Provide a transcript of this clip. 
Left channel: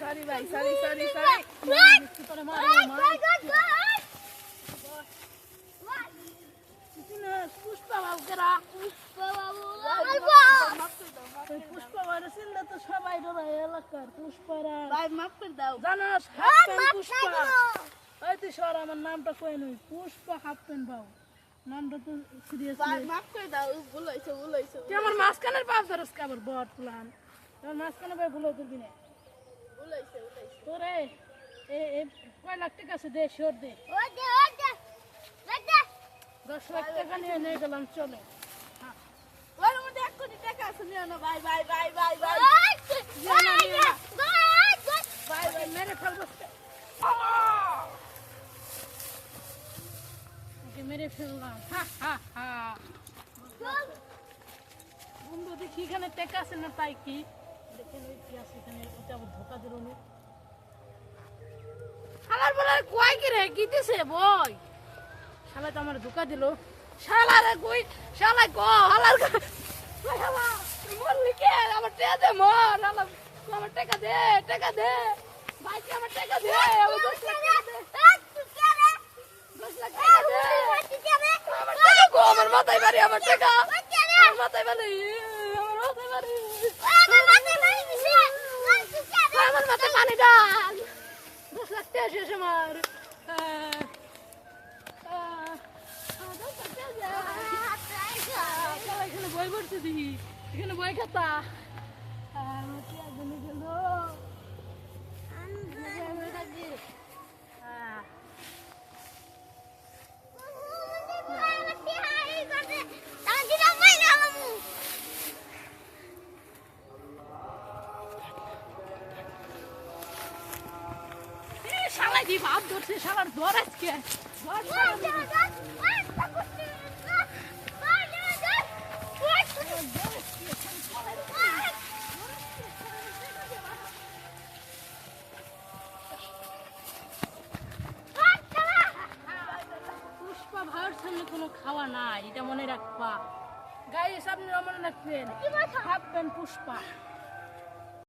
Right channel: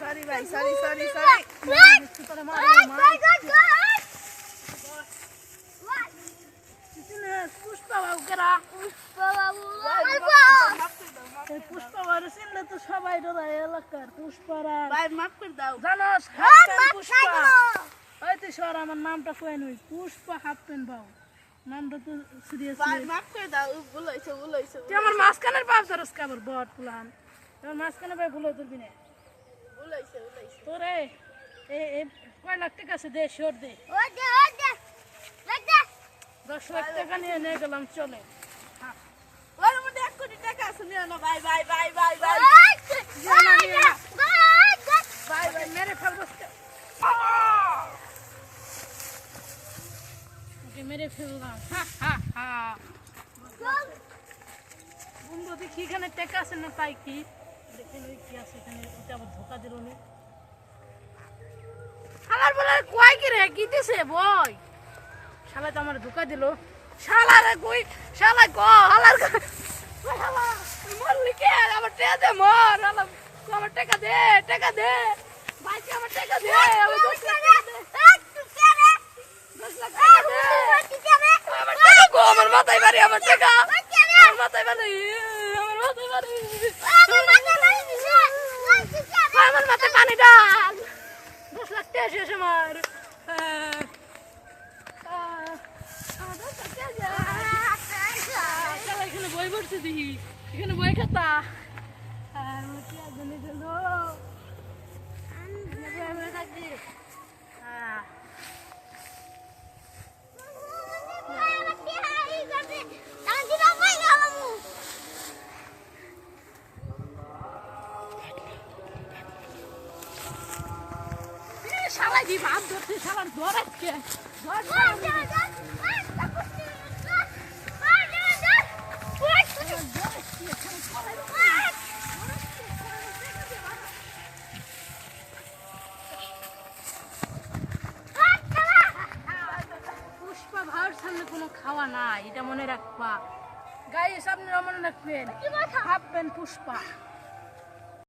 sorry ভাই sorry sorry sorry Pushpa বাবু কেরা পুষ্পা বাবু চিনলে তো সবাই ডরাই এলাকার পুষ্পারা মাফ করে দাও জানোস পুষ্পা ওই তুই সর আমার নামটা কয়ে নই পুষ্পা হাফ প্যান্ট বাবু নামটা তো সিরিয়াস মাফ করে দাও ভুল হয়েছে তুই আমার মাঝখানের পাপ ধরস কাবার বট প্লান তোর মাঝখানে ভাই ভুল ধরবি না ভুল হয়েছে তোরে এই কয় লাখ টাকা আছে দে শোর দে 10 লাখ টাকা নিয়ে গেলাম চলে ওর মধ্যে 1 কোটি টাকা আছে নিও না ভাই ভাই ভাই ভাই ভাই ভাই ভাই মেরে ফেলবো মেরে ফেললাম বন্ধু দেখি এখানে টাকা আছে না তাই কি দেখেন ওই কি আছে এখানে ওটা আবার ধোকা দিল নি আমার বলে কয় কি রে কি দিছে বই শালা তো আমার ধোকা দিল শালা রে কই শালা গো হালার শালা মরলি কে আমার টাকা দে মর শালা আমার টাকা দে ভাই তুই আমার টাকা দে আমার 10 লাখ টাকা দে 10 লাখ টাকা দে আমার টাকা গো আমার মাথায় বাড়ি আমার টাকা আমার মাথায় বাড়ি আমার মাথায় পানি ডাল 10 লাখ টাকা শেষ আমার এখানে বই পড়ছে দেখি এখানে বই খাতা শালা কি ভাত ধরছে শালার ধর আজকে পুষ্পা ভাইয়ের সামনে কোনো খাওয়া নাই এটা মনে রাখবা গায়ে সামনে মনে রাখবেন হাফ প্যান্ট পুষ্পা